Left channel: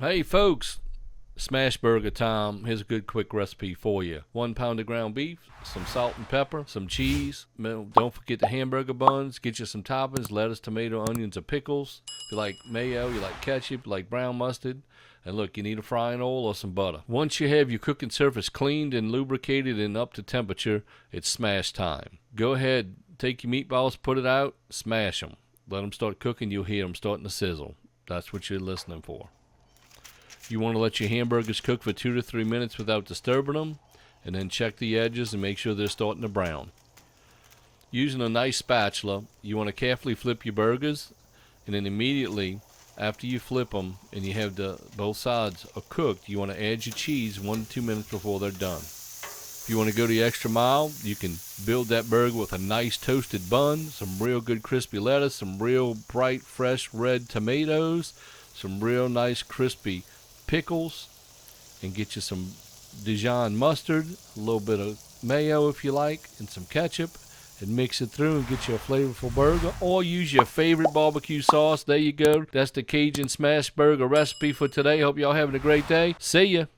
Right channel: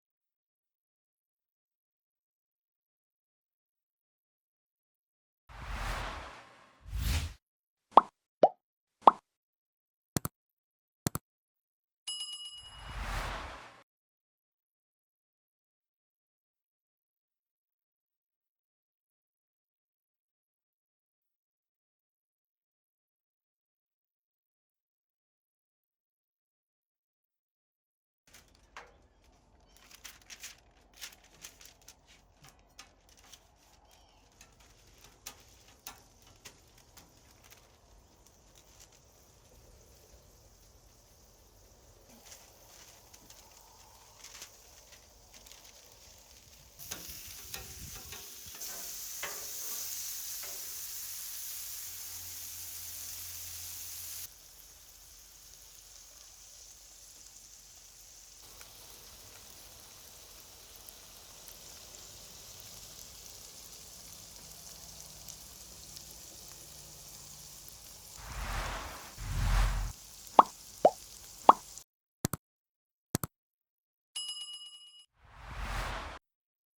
Hey folks, smash burger time. Here's a good quick recipe for you. 1 pound of ground beef, some salt and pepper, some cheese. Don't forget the hamburger buns. Get you some toppings, lettuce, tomato, onions, and pickles. If you like mayo, you like ketchup, you like brown mustard. And look, you need a frying oil or some butter. Once you have your cooking surface cleaned and lubricated and up to temperature, it's smash time. Go ahead, take your meatballs, put it out, smash them. Let them start cooking, you'll hear them starting to sizzle. That's what you're listening for. You want to let your hamburgers cook for 2 to 3 minutes without disturbing them, and then check the edges and make sure they're starting to brown. Using a nice spatula, you want to carefully flip your burgers, and then immediately after you flip them and you have both sides are cooked, you want to add your cheese 1 to 2 minutes before they're done. If you want to go the extra mile, you can build that burger with a nice toasted bun, some real good crispy lettuce, some real bright fresh red tomatoes, some real nice crispy pickles, and get you some Dijon mustard, a little bit of mayo if you like, and some ketchup, and mix it through and get you a flavorful burger. Or use your favorite barbecue sauce. There you go. That's the Cajun smash burger recipe for today. Hope y'all having a great day. See ya.